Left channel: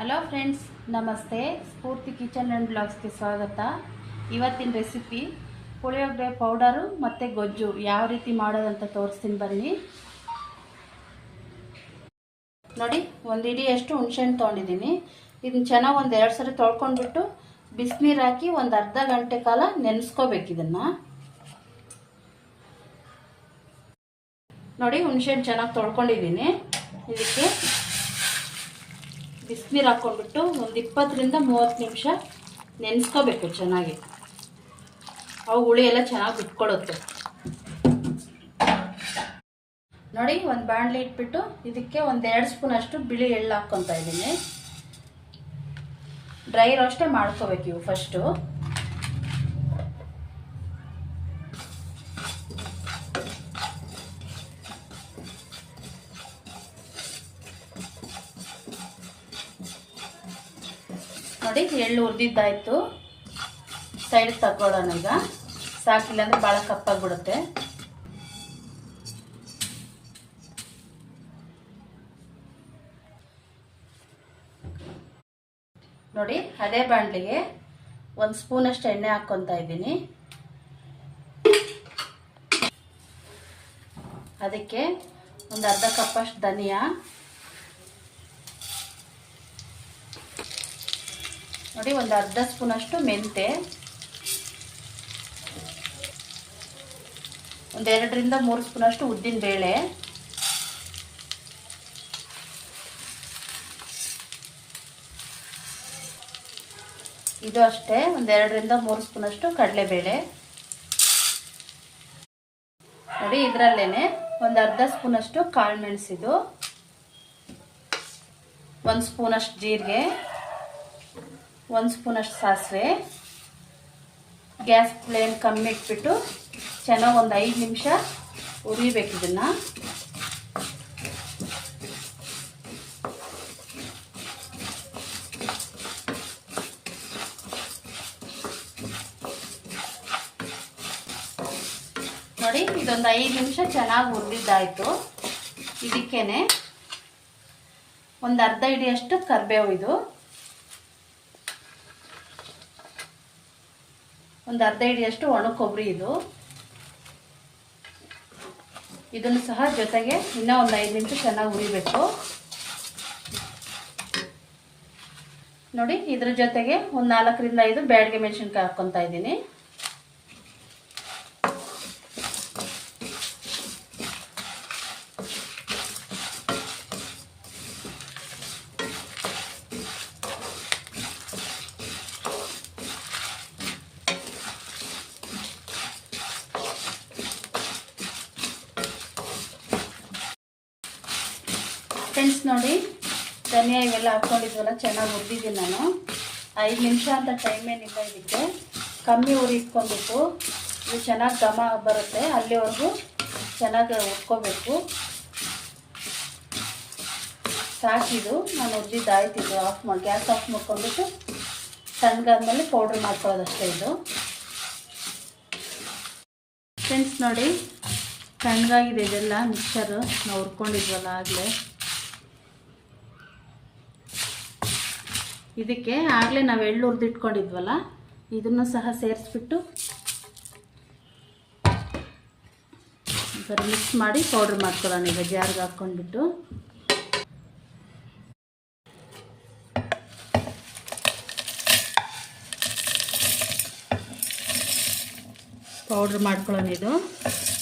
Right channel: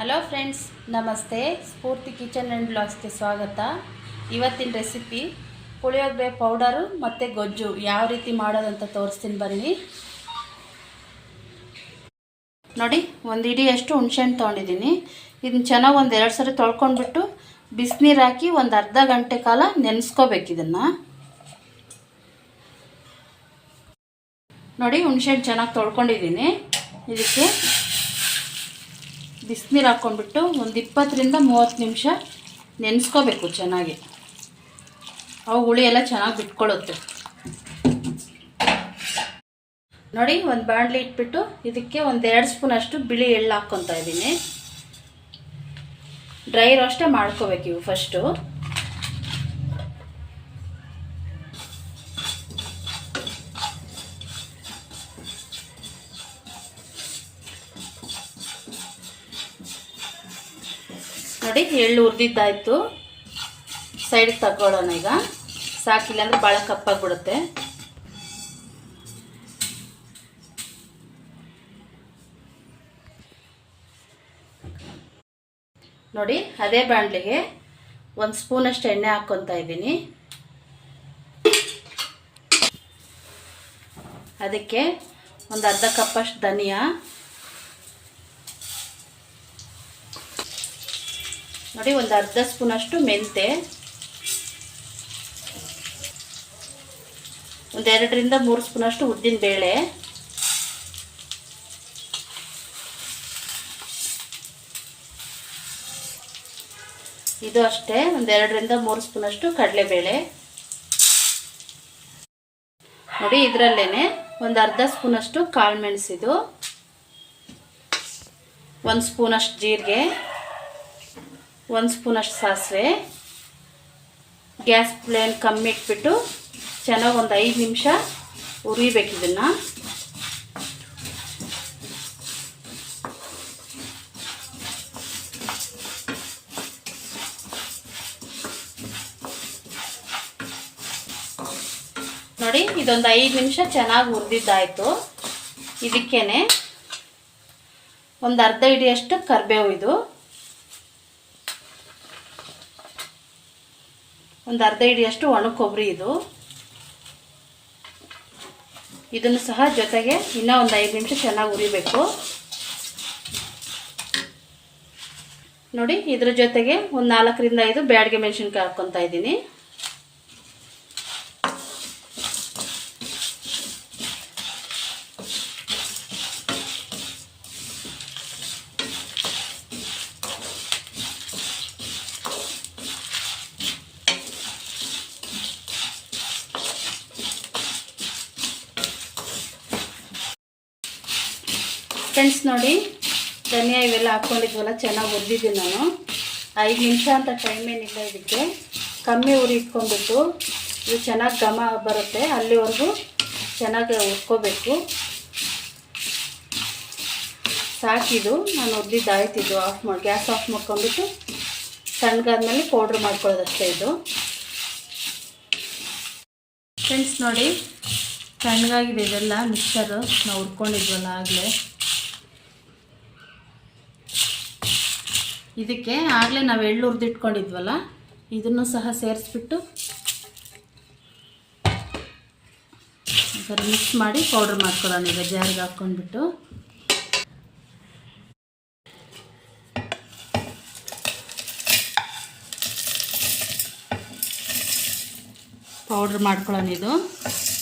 Hello friends ನಮಸ್ತೆ. ಸ್ಫೂರ್ತಿ kitchen and ಬ್ಲಾಗ್ಸ್ಗೆ ಸ್ವಾಗತ. ಇವತ್ತಿನ ರೆಸಿಪಿ ಪುಳಿಯೋಗರೆ ಪೌಡರು ಮತ್ತು ಗೊಜ್ಜು. ಯಾವ ರೀತಿ ಮಾಡೋದಂತ ತೋರಿಸ್ತೀನಿ ಬನ್ನಿ. ನೋಡಿ, ಒಂದು ಇಡಿಯಷ್ಟು ಹುಣ್ಸೆಹಣ್ಣು ತೊಗೊಂಡಿದ್ದೀನಿ. ಇದನ್ನ ಚೆನ್ನಾಗಿ ಒಂದು ಎರಡು ಸರಿ ತೊಳ್ಕೊಂಡ್ಬಿಟ್ಟು ಬಿಸಿನೀರು ಹಾಕಿ ಒಂದು ಅರ್ಧ ಗಂಟೆ ಕಾಲ ನೆನೆಸ್ಕೋಬೇಕು ಇದನ್ನು. ನೋಡಿ, ಹುಣ್ಸೆಹಣ್ಣು ಚೆನ್ನಾಗಿ ತೊಳ್ಕೊಂಡಿದ್ದೀನಿ. ಇದಕ್ಕೆ ಬಿಸಿನೀರು ಹಾಕ್ಕೊಂಡ್ಬಿಟ್ಟು ಒಂದು ಇಪ್ಪತ್ತರಿಂದ ಮೂವತ್ತು ನಿಮಿಷ ನೆನೆಸ್ಕೋಬೇಕು ಚೆನ್ನಾಗಿ. ಅವು ಹುಳಿ ಎಲ್ಲ ಚೆನ್ನಾಗಿ ಬಿಟ್ಕೊಳ್ಳುತ್ತೆ ನೋಡಿ, ಒಂದು ಬಾಣಲಿ ಇಟ್ಬಿಟ್ಟು ಇದಕ್ಕೆ ಒಂದು ಎರಡು ಸ್ಪೂನ್ ಅಷ್ಟು ಬಿಳಿ ಎಳ್ಳು ಹಾಕ್ಕೊತಾ ಇದ್ದೀನಿ ಡ್ರೈ ರೋಸ್ಟೇ ಮಾಡ್ಕೋಬೇಕು ಇವು ಫಸ್ಟು ನೋಡಿ ಎಳ್ಳು ಉರಿದಿದ್ದಾಯ್ತು ಸೈಡ್ಗೆ ತಗೊಳ್ಳೋಣ ಈಗ. ಸಾಕಿಲ್ಲ ಅಂದ್ರೆ ಭಾಳ ಕಪ್ಪಾಗ್ಬಿಡುತ್ತೆ. ನೋಡಿ, ಅದೇ ಬಾಣಲಿಗೆ ಒಂದು ಸ್ಪೂನಷ್ಟು ಎಣ್ಣೆ ಹಾಕ್ಕೊತಾ ಇದ್ದೀನಿ. ಅದಕ್ಕೆ ಒಂದು ಅರ್ಧ ಕಪ್ಪಷ್ಟು ಧನಿಯಾ. ನೋಡಿ, ಒಂದು ಅರ್ಧ ಸ್ಪೂನಷ್ಟು ಮೆಂತೆ. ಒಂದೆರಡರಿಂದ ಮೂರು ಸ್ಪೂನಷ್ಟು ಉದ್ದಿನ ಬೇಳೆ. ಇದು ಅಷ್ಟೇ ಒಂದೆರಡರಿಂದ ಮೂರು ಸ್ಪೂನಷ್ಟು ಕಡಲೆಬೇಳೆ. ನೋಡಿ, ಇದರಲ್ಲೇನೆ ಒಂದು ಅರ್ಧ ಸ್ಪೂನಷ್ಟು ಕಾಳು ಮೆಣಸಿದು. ಒಂದು ಸ್ಪೂನಷ್ಟು ಜೀರಿಗೆ. ಒಂದು ಸ್ಪೂನಷ್ಟು ಸಾಸಿವೆ. ಗ್ಯಾಸ್ ಫ್ಲೇಮ್ ಕಮ್ಮಿ ಇಟ್ಬಿಟ್ಟು ಚೆನ್ನಾಗಿ ಒಂದು ಐದು ನಿಮಿಷ ಉರಿಬೇಕು ಇದನ್ನು. ನೋಡಿ, ಇದೊಂದು ಐದು ನಿಮಿಷ ಚೆನ್ನಾಗಿ ಉರಿದಿದ್ದಾಯಿತು ಇದಕ್ಕೇನೆ ಒಂದು ಅರ್ಧ ಹಿಡಿಯಷ್ಟು ಕರಿಬೇವು ಇದು. ಒಂದು ಅರ್ಧ ಹಿಡಿಯಷ್ಟು ಒಣ ಕೊಬ್ಬರಿ ಇದು. ಇದನ್ನು ಸಹ ಜೊತೆಗೆ ಇನ್ನೂ ಒಂದು ಐದು ನಿಮಿಷ ಚೆನ್ನಾಗಿ ಉರಿಬೇಕು ನೋಡಿ, ಇದ್ರ ಜೊತೆಗೆ ಒಂದು ನಾಲ್ಕರಿಂದ ಐದು ಬ್ಯಾಡ್ಗೆ ಮೆಣಸಿನ್ಕಾಯಿ ಹಾಕ್ಕೊತಾ ಇದ್ದೀನಿ. ಫ್ರೆಂಡ್ಸ್ ನೋಡಿ, ಧನಿಯಾ ಇವೆಲ್ಲ ಹಾಕ್ಕೊಂಡಿದ್ವಲ್ಲ ಚೆನ್ನಾಗಿ ಹುರಿದಿದ್ದೀನಿ ನಾನು. ಐದು ನಿಮಿಷ ಅಂತ ಟೈಮ್ ಏನಿಲ್ಲ ಇದಕ್ಕೆ. ಕಮ್ಮಿ ಉರಿ ಇಟ್ಕೊಂಡ್ಬಿಟ್ಟು, ಇದು ಚೆನ್ನಾಗಿ ಘಮ ಬರುತ್ತೆ, ಅಲ್ಲಿವರೆಗೂ ಚೆನ್ನಾಗಿ ಹುರ್ಕೋಬೇಕು. ಸಾಕಿದ್ದು ನಾನು ಹುರಿದಿದ್ದು ಆಯ್ತಿದ್ದು ಆಫ್ ಮಾಡಿ ಗ್ಯಾಸ್ ಆಫ್ ಮಾಡ್ಕೊಂಡ್ಬಿಟ್ಟು, ಸಣ್ಣಗಾದ್ಮೇಲೆ ಪೌಡ್ರ್ ಮಾಡ್ಕೊಳ್ಳೋದಷ್ಟೇ ಇದು. ಫ್ರೆಂಡ್ಸ್ ನೋಡಿ, ಸಣ್ಣಗಾಗಿದೆ ಇದೆಲ್ಲ ಮಿಕ್ಸರು ನಾವು ಹುರ್ಕೊಂಡಿದ್ವಲ್ಲ ಆಗಲೇ. ಇದಕ್ಕೆ ಆಗಲೇ ನಾವು ಎಳ್ಳು ಹುರಿದಿಟ್ಕೊಂಡಿದ್ವಲ್ಲ, ಇದನ್ನು ಸಹ ಸೇರಿಸ್ಬಿಟ್ಟು ಒಂಥರ ಮಿಕ್ಸ್ ಮಾಡಿ ಪೌಡ್ರ್ ಮಾಡ್ಕೊಳ್ಳೋಣ. ಈಗ ಜಾರಿಗೆ ಹಾಕ್ಕೊಂಡ್ಬಿಟ್ಟು. ಪೌಡ್ರ್ ಮಾಡ್ಕೊಳ್ಳೋಣ ಇದು.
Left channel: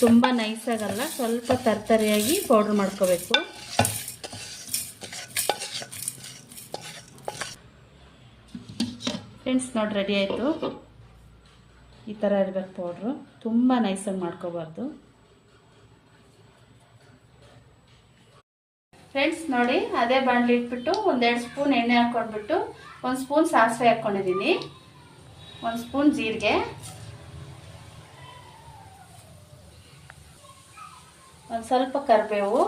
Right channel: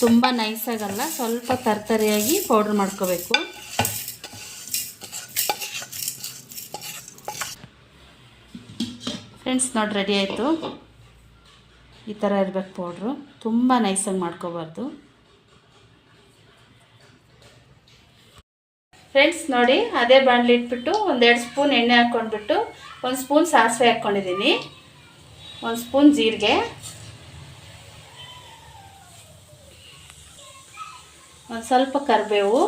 ತುಂಬ ನೈಸಾಗಲ್ಲ ಸ್ವಲ್ಪ ತರ್ತರಿಯಾಗಿ ಪೌಡ್ರ್ ಮಾಡ್ಕೋಬೇಕು. ಫ್ರೆಂಡ್ಸ್ ನೋಡಿ ರೆಡಿ ಆಯಿತು. ಈ ಥರ ಇರಬೇಕು ಪೌಡ್ರು ತುಂಬ ನೈಸಾಗಿ ಮಾಡ್ಕೋಬಾರ್ದು. ಫ್ರೆಂಡ್ಸ್ ನೋಡಿ, ಅದೇ ಬಾಣಲಿ ಇಟ್ಬಿಟ್ಟು ಒಂದೆರಡು ಸ್ಪೂನ್ ಎಣ್ಣೆ ಹಾಕ್ಕೊಂಡ್ಬಿಟ್ಟು ಒಂದು ಸ್ಪೂನ್ ಸಾಸಿವೆ ಹಾಕ್ಕೊಂಡಿದ್ದೀನಿ ಒಂದು ಸ್ಪೂನ್ ಜೀರಿಗೆ. ಒಂದು ಸ್ವಲ್ಪ ಕರಿಬೇವು.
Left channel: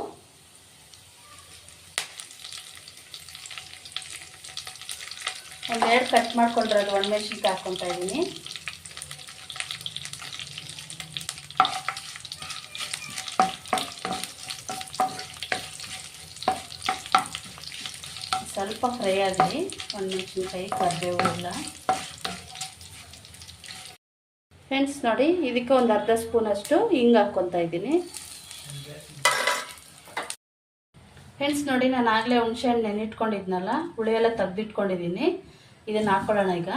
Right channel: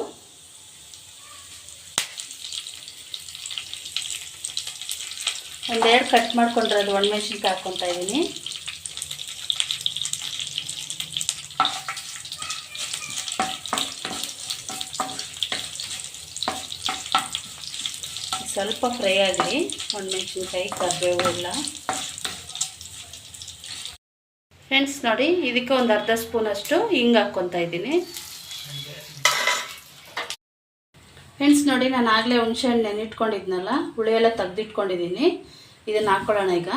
ಒಂದೆರಡು ಕಟ್ ಮಾಡ್ಕೊಂಡಿರೋದು ಒಣಮೆಣ್ಸಿನ್ಕಾಯಿ ಹಾಕ್ಕೊತಾ ಇದ್ದೀನಿ. ಸ್ವಲ್ಪ ಫ್ರೈ ಆಗಲಿ, ಒಣಮೆಣ್ಸಿನ್ಕಾಯಿ, ಕರಿಬೇವು ಎಲ್ಲ. ಫ್ರೆಂಡ್ಸ್ ನೋಡಿ, ಇದಕ್ಕೆ ಒಂದು ಅರ್ಧ ಸ್ಪೂನಷ್ಟು ಹಿಂಗೆ ಹಾಕ್ಕೊತಾ ಇದ್ದೀನಿ. ಫ್ರೆಂಡ್ಸ್ ನೋಡಿ, ನಾನು ಆಗಲೇ ಹುಣಸೆಹಣ್ಣು ನೆನಿಟ್ಕೊಂಡಿದ್ನಲ್ಲ ಹುಳಿ ಎಲ್ಲ ತೆಗ್ದಿಟ್ಕೊಂಡಿದ್ದೀನಿ. ಇದನ್ನು ಹಾಕ್ಕೊಳ್ಳೋಣ ಈಗ.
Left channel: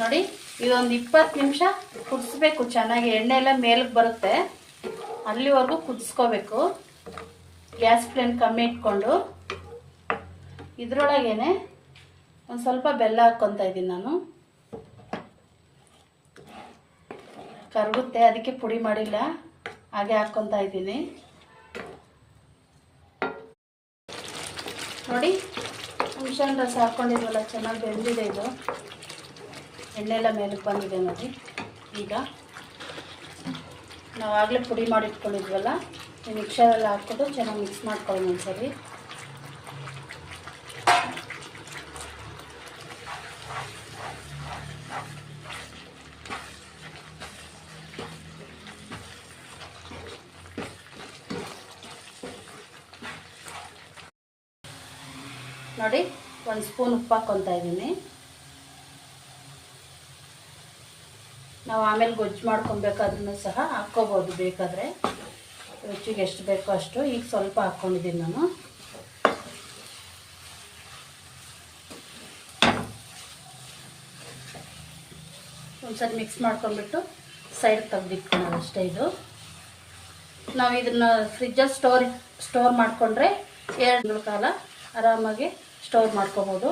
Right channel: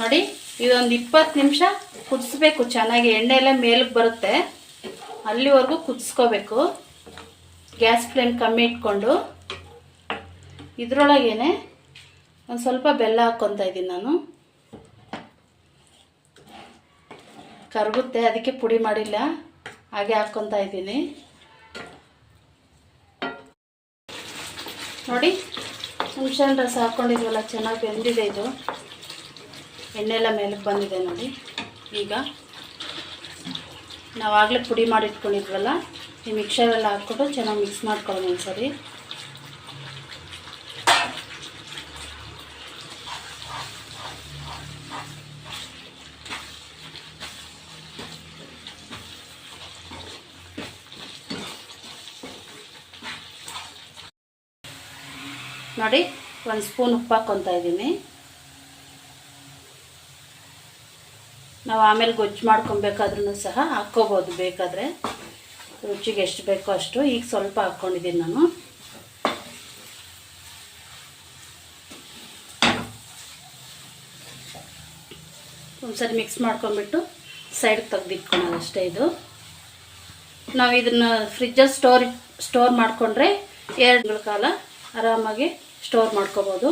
ನೋಡಿ, ಇದೊಂದು ಇಪ್ಪತ್ತು ನಿಮಿಷ ಕುದಿಸ್ಬೇಕು. ಚೆನ್ನಾಗಿ ಎಣ್ಣೆ ಎಲ್ಲ ಮೇಲಕ್ಕೆ ಬರುತ್ತೆ. ಅಲ್ಲಿವರೆಗೂ ಕುದಿಸ್ಕೋಬೇಕು. ಗ್ಯಾಸ್ ಫ್ಲೇಮ್ ಕಮ್ಮಿ ಇಟ್ಕೊಂಡು. ಇದರೊಳಗೇನೆ ಒಂದು ಸ್ವಲ್ಪ ಬೆಲ್ಲ ಹಾಕ್ಕೊತಾ ಇದ್ದೀನಿ ನಾನು. ಕರಗುತ್ತೆ, ಅದಕ್ಕೆ ಪುಡಿ ಮಾಡಿಲ್ಲ. ಹಾಗೆ ಹಾಕ್ಕೊತಾ ಇದ್ದೀನಿ. ನೋಡಿ ಹುಣಸೆಹಣ್ಣು ರಸ ಹಾಕ್ಕೊಂಡಿದ್ವಲ್ಲ ಚೆನ್ನಾಗಿ ಬೆಂದಿದೆ ಇದು. ಎಣ್ಣೆ ಎಲ್ಲ ಮೇಲಕ್ಕೆ ಬಂದಿದೆ ನೋಡಿ. ಈಗ ನಾವಾಗಲೇ ಪುಡಿ ಮಾಡಿಟ್ಕೊಂಡಿದ್ವಲ್ಲ, ಈ ಮಿಕ್ಸರೆಲ್ಲ ಹಾಕ್ಬಿಟ್ಟು ಚೆನ್ನಾಗಿ ಮಿಕ್ಸ್ ಮಾಡ್ಕೊಳ್ಳೋಣ ಒಂದ್ಸರಿ. ನೋಡಿ, ಒಂದು ಸ್ಪೂನ್ ಉಪ್ಪು ಹಾಕ್ಕೊತಾ ಇದ್ದೀನಿ. ನಾವು ಆಮೇಲೆ ಗೊಜ್ಜು ಮಾಡ್ಕೊಬೇಕಾದ್ರೂ ಸಹ ಹಾಕ್ಕೋಬೋದು ಬೇಕಾದರೆ. ರುಚಿಗೆ ಎಷ್ಟು ಬೇಕೋ ಅಷ್ಟು. ಈಗ ಸ್ವಲ್ಪ ಹಾಕ್ಕೊಂಡಿದ್ದೀನಿ ನಾನು. ಒಂದ್ಸರಿ ಮಿಕ್ಸ್ ಮಾಡ್ಕೊಂಡ್ಬಿಟ್ಟು ಸೈಡ್ ತೆಗ್ದಿಟ್ಕೊಳೋದು ಅಷ್ಟೇ ಇದು. ನಾವು ಇದನ್ನು ಫ್ರಿಜ್ಜಲ್ಲಿ ಸ್ಟೋರ್ ಸ್ಟೋರ್ ಮಾಡಿಕೊಂಡ್ರೆ ಎರಡು ಕಾಲ ಆರಾಮಾಗಿ ಸ್ಟೋರ್ ಮಾಡ್ಕೋಬೋದು.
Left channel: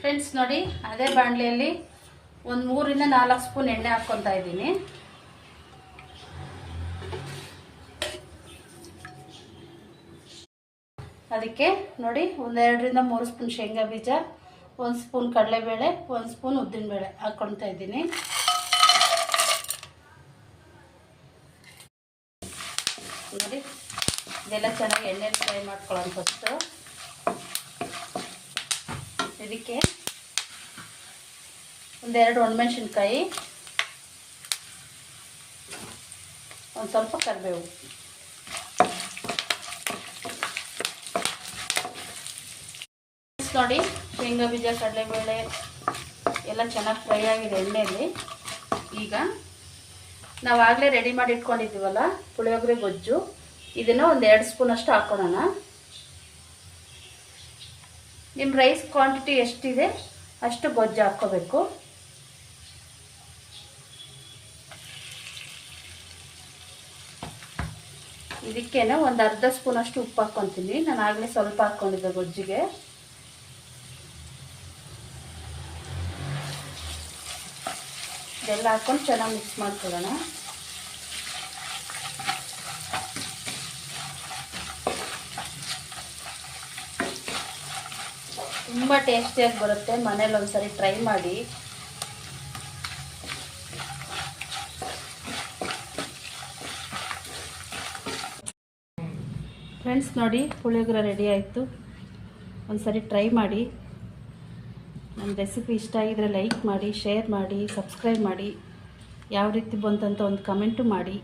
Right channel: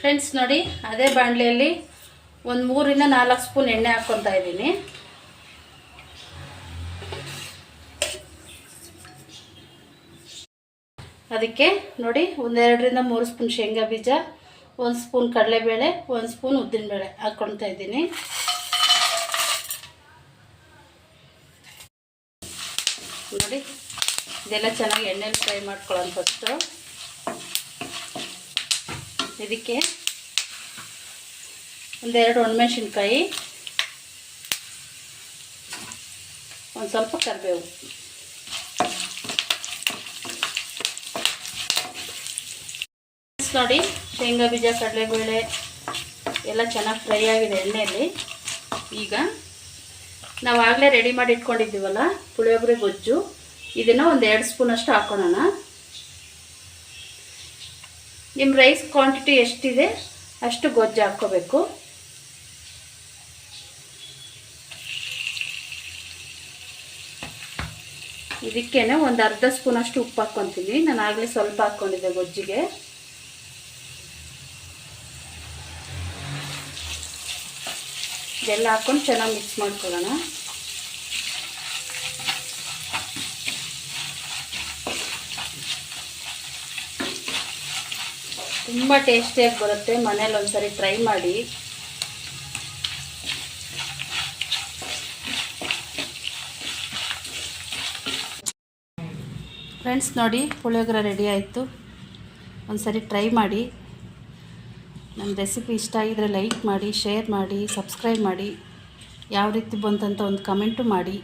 ಫ್ರೆಂಡ್ಸ್ ನೋಡಿ, ಅದೇ ಬಾಣಲೆಯಲ್ಲಿ ಒಂದು ಮೂರಿಂದ ನಾಲ್ಕು ಸ್ಪೂನ್ ಎಣ್ಣೆ ಹಾಕ್ಕೊತಾ ಇದ್ದೀನಿ. ಅದಕ್ಕೆ ನೋಡಿ ಒಂದೆರಡರಿಂದ ಮೂರು ಸ್ಪೂನ್ ಶೇಂಗಾ ಬೀಜ, ಒಂದು ಸ್ಪೂನ್ ಕಡಲೆಬೇಳೆ, ಒಂದು ಸ್ಪೂನ್ ಉದ್ದಿನಬೇಳೆ ಹಾಕ್ಕೊಳ್ತಾ ಇದ್ದೀನಿ ನೋಡಿ ಇದೆಲ್ಲ ಚೆನ್ನಾಗಿ ಎಣ್ಣೆಲಿ ಫ್ರೈ ಮಾಡ್ಕೊಳ್ಳೋಣ ಫಸ್ಟು ಇದಕ್ಕೆ ಒಂದೆರಡು ಒಣಮೆಣ್ಸಿನ್ಕಾಯಿ, ಒಂದು ಸ್ವಲ್ಪ ಕರಿಬೇವು. ನೋಡಿ ಶೇಂಗಾ ಬೀಜ, ಕಡಲೆಬೇಳೆ ಎಲ್ಲ ಚೆನ್ನಾಗಿ ಫ್ರೈ ಆಗಿದೆ ಎಣ್ಣೆಯಲ್ಲಿ ಈಗ ನಾವು ಆಗಲೇ ರೆಡಿ ಮಾಡಿ ಇಟ್ಕೊಂಡಿದ್ದೀವಲ್ಲ, ಪುಳಿಯೋಗರೆ ಗೊಜ್ಜು. ಇದನ್ನು ಒಂದು ಎರಡು ಸ್ಪೂನಷ್ಟು ಹಾಕೊಳ್ಳೋಣ ನಿಮ್ಮ ರೈಸ್ ಕ್ವಾಂಟಿಟಿ ಎಷ್ಟಿದೆ ಅಷ್ಟು ಗೊಜ್ಜು ಹಾಕ್ಕೋಬೇಕು ಇದಕ್ಕೇನೆ ಒಂದು ಅರ್ಧ ಸ್ಪೂನಷ್ಟು ಉಪ್ಪು ಹಾಕ್ಕೊತೀನಿ ನಾನು ಆಗಲೇ ಸ್ವಲ್ಪ ಹಾಕ್ಕೊಂಡಿದ್ದೆ ಗೊಜ್ಜಿಗೆ. ಇದೆಲ್ಲ ಹಾಕ್ಕೊಂಡು ಚೆನ್ನಾಗಿ ಮಿಕ್ಸ್ ಮಾಡ್ಕೊಳ್ಳೋಣ. ತುಂಬ ಟೇಸ್ಟಿಯಾಗಿ ಬರುತ್ತೆ. ಮನೇಲಿ ಒಂದ್ಸರಿ ಟ್ರೈ ಮಾಡಿ. ಫ್ರೆಂಡ್ಸ್ ನೋಡಿ ಪುಳಿಯೋಗರೆ ರೆಡಿ ಆಯಿತು. ಒಂದ್ಸರಿ ಟ್ರೈ ಮಾಡಿ. ನಮ್ಮ ರೆಸಿಪಿ ಇಷ್ಟ ಆಗಿದ್ರೆ ಲೈಕ್ ಮಾಡಿ ಶೇರ್ ಮಾಡಿ ಸಬ್ಸ್ಕ್ರೈಬ್ ಮಾಡಿ. ಯಾವ ರೀತಿ ಬಂತಂತ ಒಂದು ಕಮೆಂಟು ಮಾಡಿ.